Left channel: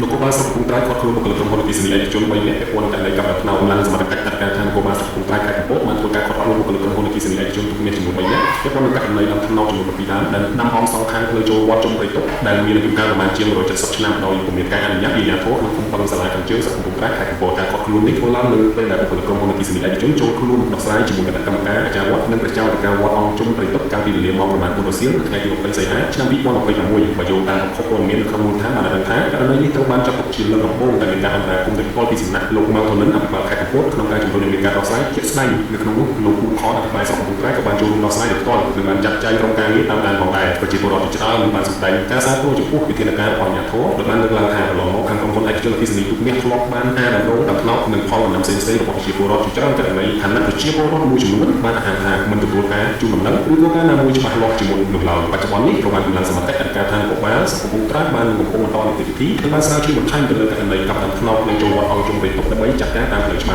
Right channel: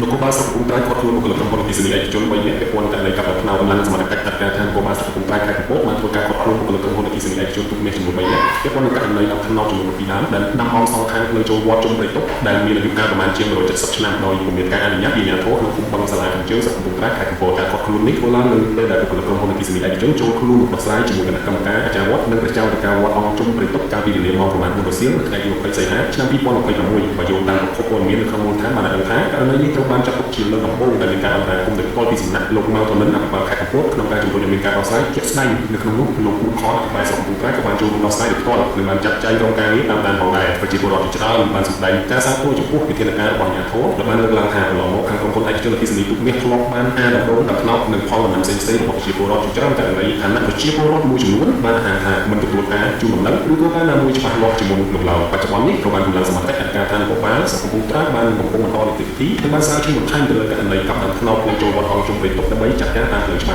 លោកកូបាសកំពុងតែគាត់ខ្លួនក្នុងពលរដ្ឋទីសនីជន3នាក់ពាក់ព័ន្ធតែกับផ្នែកឡើងសមត្ថកិច្ចតាមខាងកូបាសកំពុងតែកាត់បោកបានធ្វើការគាត់ខ្លួនក្នុងពលរដ្ឋទីសនីជនទូមានជាមួយ3នាក់ពាក់ព័ន្ធនឹងករណីឡើងថ្នាក់ចំនួន2ដើមដែលនำអង្គសងខាងលើចូលវត្តជុំប្រទេសដែលមានអាយុកាលប្រមាណជាង170ឆ្នាំដោយពុំមានការអនុញ្ញាតពីអាជ្ញាធរក្នុងគុំប៉ុនសាលាខាងជើងសង្គមបានខេត្តកំពតការគាត់ខ្លួននេះគឺឡើងលើពេលដែលពលរដ្ឋទីសនីជនចូលខ្លួនដោះស្រាយជាមួយគណៈកម្មការអាចារ្យវត្តនិងប្រជាពលរដ្ឋវត្តអង្គជុំប្រទេសកាលពីវេលាប្រមាណ4សៀលថ្ងៃទី20សីហាឆ្នាំ2021បើយោងតាមប្រភពព័ត៌មានក្នុងថាបានដឹងថាករណីនេះត្រូវបានចាត់ទុកជាលំដាប់ដែលមានការអនុញ្ញាតគុំទឹកផ្ទាល់ពីសំណាក់លោកនៅតំណែងអភិបាលខេត្តកំពតក្នុងការជំរុញឲ្យមានការដោះស្រាយជាក់ស្ដែងនៅក្នុងនោះលោកខអភិបាលសង្គមក៏បានចូលរួមដោះស្រាយដោយផ្ទាល់ដោយបានចាត់ចែងរងការងារតាមដានផងដែរប្រជាពលរដ្ឋច្រើនបានសម្ដែងការសាទរចំពោះវិធានការរបស់អាជ្ញាធរដែលបានលើកឡើងថាកន្លងមកខាងក្រុមហ៊ុនឯកជនអគ្គិសនីទូនេះធ្លាប់បានអានដំណងដល់ផ្នែកនិងផលដំណើរផ្សេងៗរបស់ប្រជាពលរដ្ឋច្រើនតែในฐานะប្រជាពលរដ្ឋមួយចំនួនបានថាមិនទទួលការជួយដំណឹងឬក៏ការណាមួយច្បាស់លាស់ជាមុននោះឡើយបច្ចុប្បន្ននេះក៏បានលើកសមត្ថកិច្ចការថាក៏បានសង្គមត្រាបានកំពុងបន្តនីតិវិធីដែលបានស្រាវជ្រាវបន្ថែមទៅលើករណីកັບដំណងក្នុងចូលវត្តអង្គជំរិតដើម្បីចាត់ការតាមផ្លូវច្បាប់